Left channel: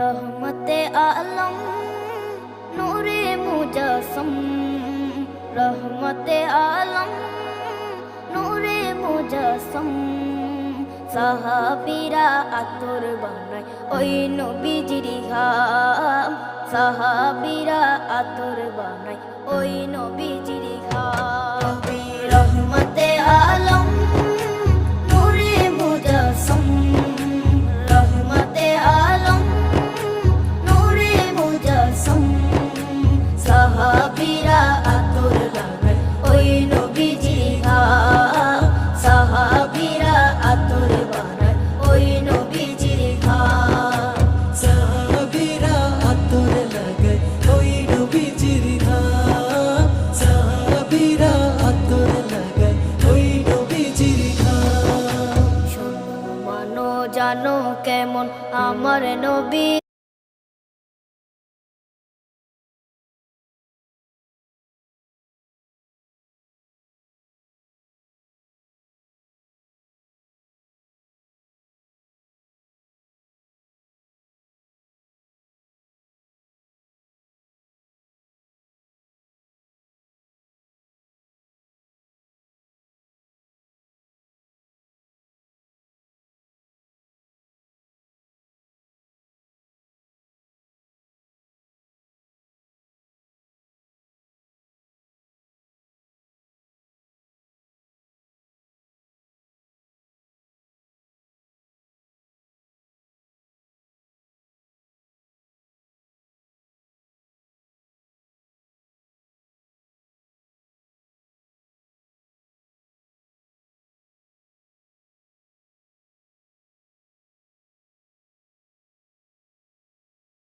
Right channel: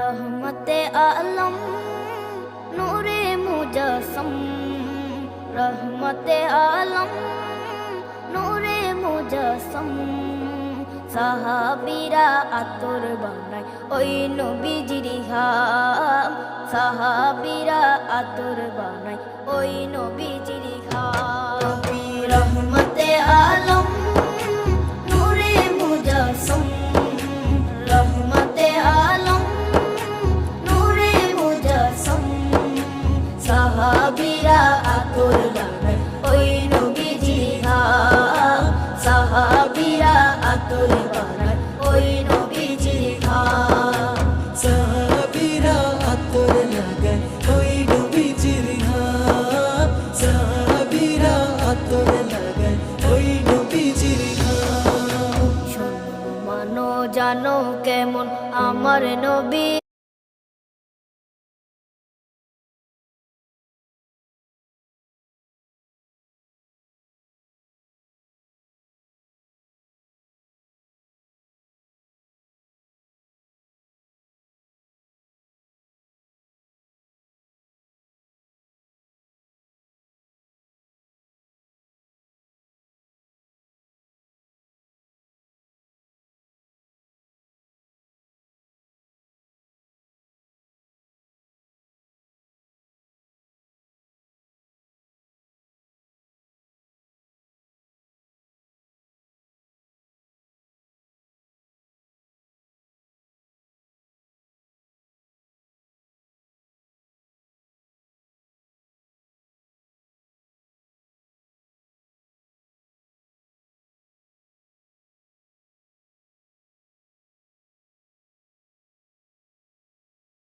रहमते आलम नूरे मुजस्सम, रहमते आलम नूरे मुजस्सम। সাহাবীরা আতর বানায় ওই নবীজির ঘাম, সাহাবীরা আতর বানায় ওই নবীজির ঘাম। নবী রহমতে আলম নূরে মুজস্সম, রহমতে আলম নূরে মুজস্সম। সাহাবীরা আতর বানায় ওই নবীজির ঘাম, সাহাবীরা আতর বানায় ওই নবীজির ঘাম। সাহাবীরা আতর লাগায় ওই নবীজির ঘাম, সাহাবীরা আতর লাগায় ওই নবীজির ঘাম। শোনো মানো জানো কেমন আমার নবী,